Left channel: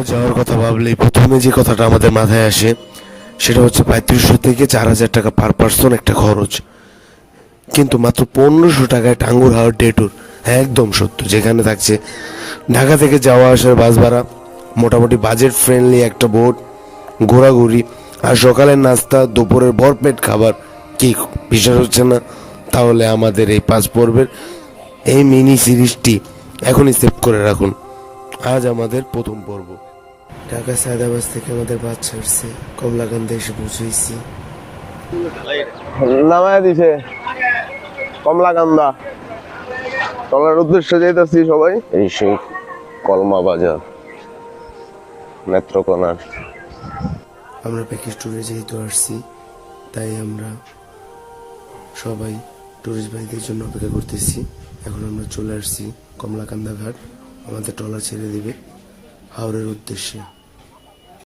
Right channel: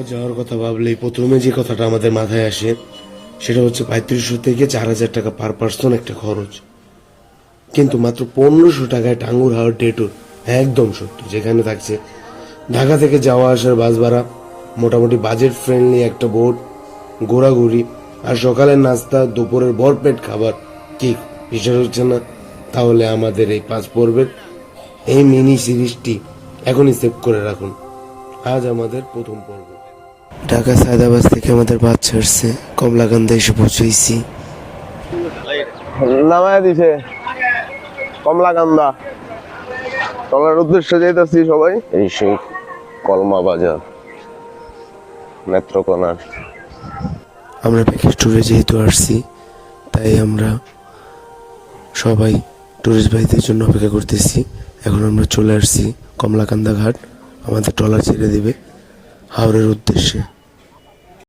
কোথাও যাওয়ার কথা ভাবলেই প্রথমে যে কথাটা আমাদের মাথায় আসে সেটা হচ্ছে ৩৫০০ থেকে ৪,০০০ টাকা পার পার্সন একটা খরচ। কিন্তু মাত্র ১৫০০ টাকায় টাঙ্গুর হাওর ডে ট্যুর, একদম সত্য। যেখানে থাকছে ঢাকা থেকে যাওয়া আসার বাস ভাড়া, মোটামুটি বাজেট ফ্রেন্ডলি একটা বোট, ঘোরাঘুরি, আর সকালের নাস্তা, দুপুরের ভরপেট খাবার। কি বিশ্বাস হচ্ছে না? তাহলে আমাদের এই ৫ পর্বের এই মিনি সিরিজটি এখনই সেভ করে রাখুন। আজ আমাদের প্রথম পর্ব। ঢাকা সায়দাবাদ থেকে আমাদের বাস ছাড়ছে, কমলাকান্দা এসে পৌঁছেছি। নামায় দিছে কমলাকান্দা। টলার উদ্দেশ্যে যাইতেছি সবাই। এই সেই কলমা বাজার, নেত্রকোনার। আমরা প্যাকেজ ট্যুরে যেহেতু আসছি, তাই আমরা সবাই টুরিস্ট ভাইদের জন্য অপেক্ষা করতেছি। এখন আমরা চলে আসছি কমলাকান্দা ঘাট। আমাদের ট্রলার ছেড়ে দেবে হাওড়ের উদ্দেশ্যে।